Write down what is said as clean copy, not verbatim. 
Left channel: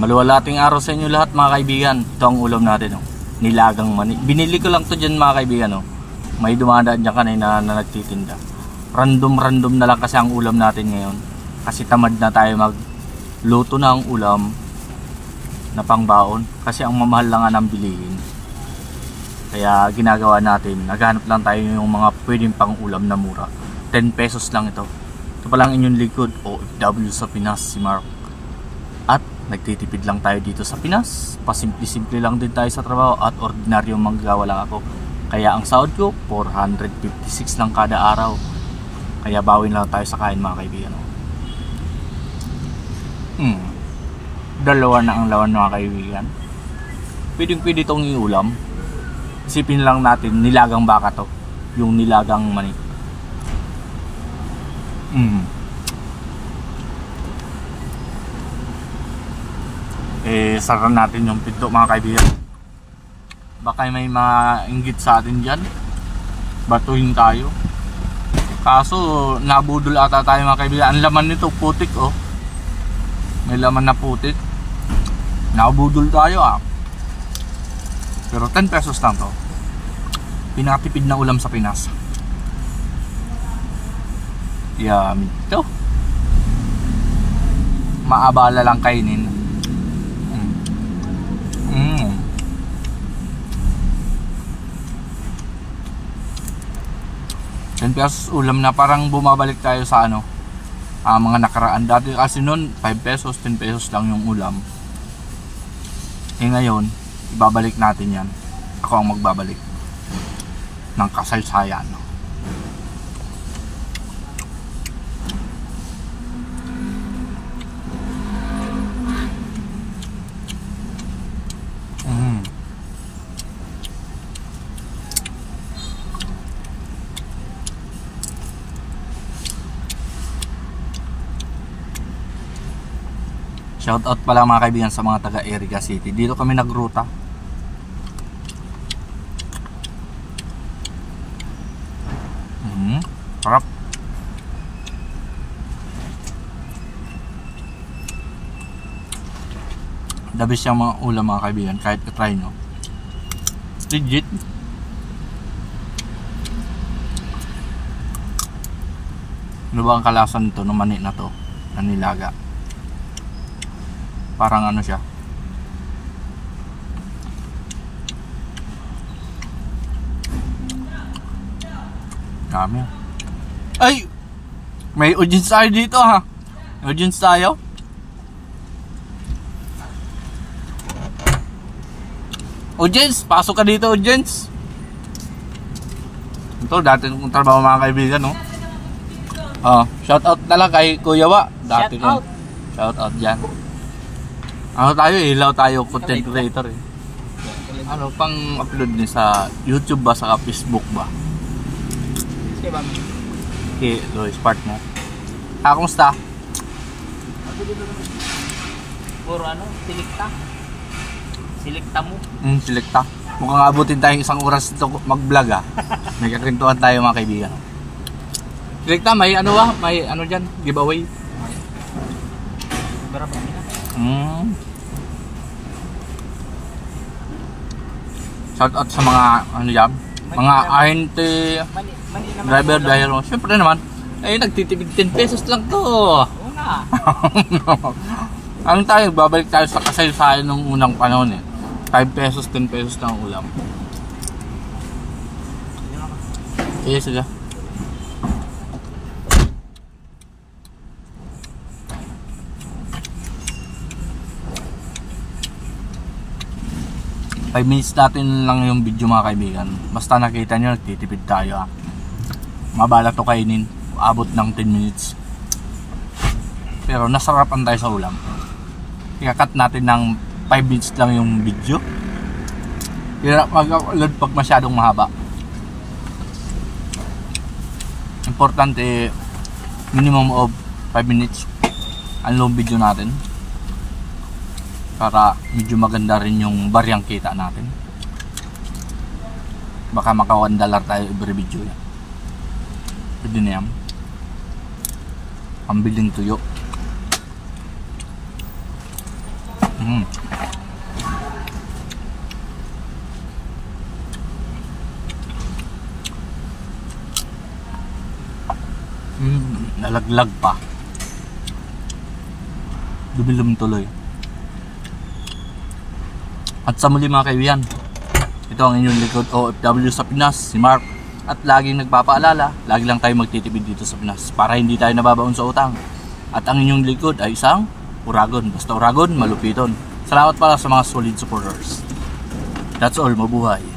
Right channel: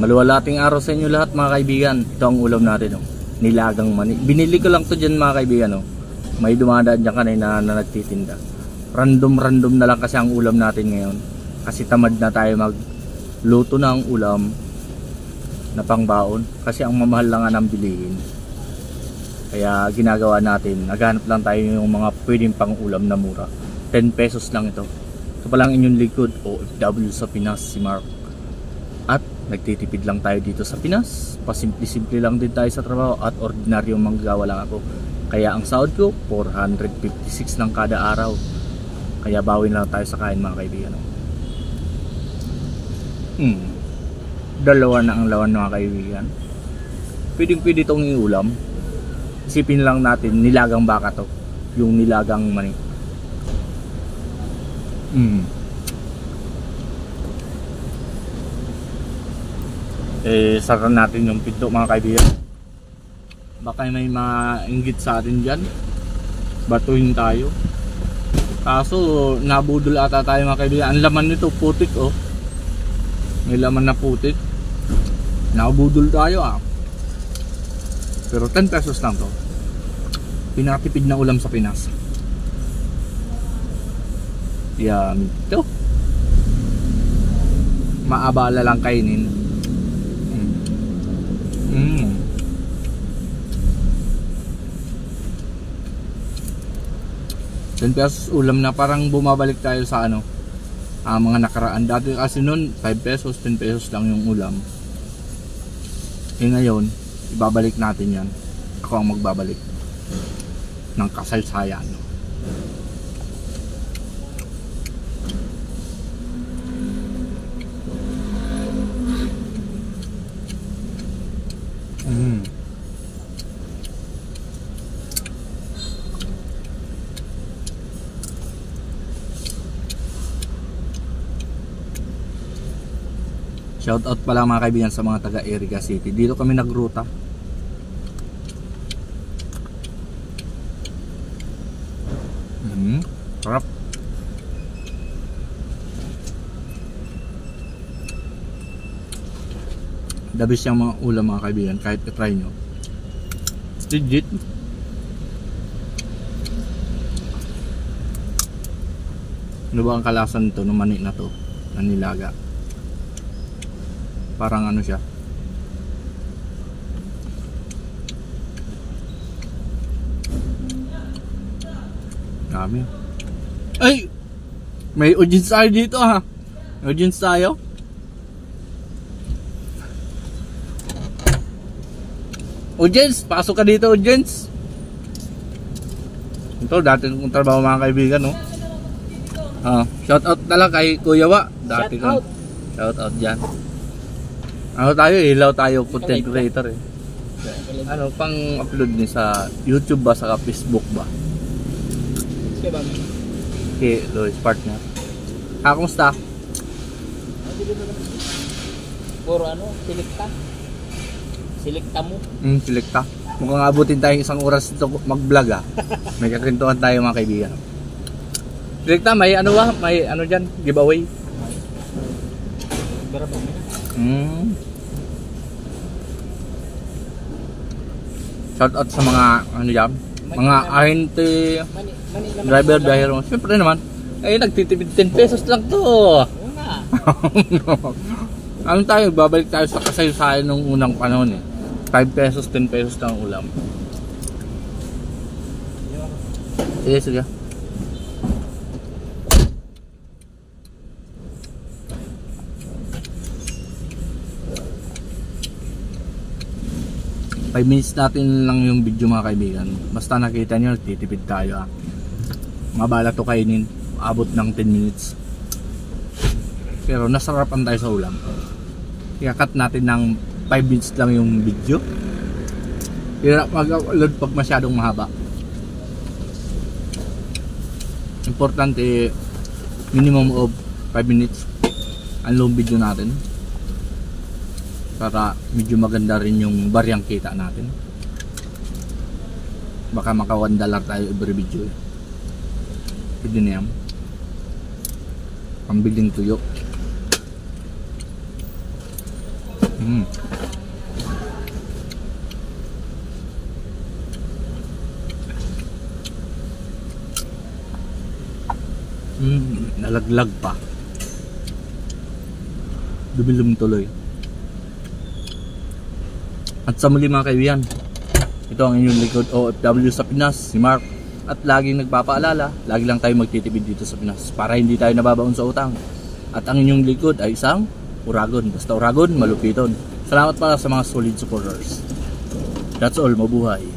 Maluwalating araw sa inyo lahat mga kaibigan. Ito ang ulam natin, oh. Nilagang mani. Binili ko lang to dyan mga kaibigan, oh. May dumadaan dyan kanina na nagtitinda. Random na lang kasi ang ulam natin ngayon. Kasi tamad na tayo magluto na ang ulam na pangbaon. Kasi ang mamahal lang nga ng bilihin. Kaya ginagawa natin, naghanap lang tayo yung mga pwedeng pang ulam na mura. 10 pesos lang ito. Ito pa lang inyong likod, OFW sa Pinas, si Mark. At nagtitipid lang tayo dito sa Pinas. Pasimple-simple lang din tayo sa trabaho at ordinaryong manggagawa lang ako. Kaya ang sahod ko 456 lang kada araw. Kaya bawin lang tayo sa kain mga kaibigan. Dalawa na ang lawan mga kaibigan. Pwede itong iulam. Isipin lang natin, nilagang baka to. Yung nilagang mani. Sara natin yung pinto mga kaibigan. Baka may mga inggit sa atin dyan. Batuhin tayo. Kaso nabudol ata tayo mga kaibigan. Ang laman nito putik, oh. May laman na putik. Nabudol tayo, ah. Pero 10 pesos lang to. Pinakatipid na ulam sa Pinas. Yummy to. Maabala lang kainin. 10 pesos ulam na parang bumabalik tayo sa ano, mga nakaraan. Dati kasi noon 5 pesos, 10 pesos lang yung ulam. Ngayon, ibabalik natin yan. Ako ang magbabalik ng kasaysayan. Shout out pala mga kaibigan sa mga taga Erica City. Dito kami nagruta. Sarap. The best yung mga ulam mga kaibigan. Kahit i-try nyo. Legit. Ano ba ang kalasan nito ng mani na to? Na nilaga. Parang ano siya. Dami. Ay! May audience tayo dito, ha. Audience tayo. Audience, pasok ka dito, audience. Ito dati kong trabaho mga kaibigan, no. Shout out na lang kay Kuya Wa. Dati kong shout out dyan. Ano tayo, ilaw tayo content creator, eh. Ano pang upload niya sa YouTube ba, sa Facebook ba? Okay, Lois, part mo. Kumusta? Puro ano, silikta. Silikta mo. Silikta. Mukhang abutin tayong isang oras dito mag-vlog, ah. May kakwentuhan tayo mga kaibigan. Silikta, may ano ba? May ano dyan? Giveaway? Berapa ini? Shout out sa mga ano yan, mga RNT driver dahil syempre naman ay nagtitipid 10 pesos lang to. Una. Ano tayo, babalik tayo sa kasaysayan nung unang panahon, eh. 5 pesos, 10 pesos na ang ulam. Yes, sige. Five minutes natin lang yung video mga kaibigan. Basta nakita nyo, nagtitipid tayo, ah. Mabala to kainin. Abot ng 10 minutes. Pero nasarapan tayo sa ulam. I-cut natin ng 5 minutes lang yung video. Hirap mag-upload pag masyadong mahaba. Importante, minimum of 5 minutes ang long video natin. Para medyo maganda rin yung baryang kita natin. Baka maka $1 tayo every video. Pwede na yan. Pambiling tuyo. Mm. Nalaglag pa. Dumilom tuloy. At sa muli mga kaibigan, ito ang inyong likod OFW sa Pinas, si Mark. At laging nagpapaalala, lagi lang tayo magtitipid dito sa Pinas para hindi tayo nababaon sa utang. At ang inyong likod ay isang Uragon. Basta Uragon, malupiton. Salamat pala sa mga solid supporters. That's all, mabuhay.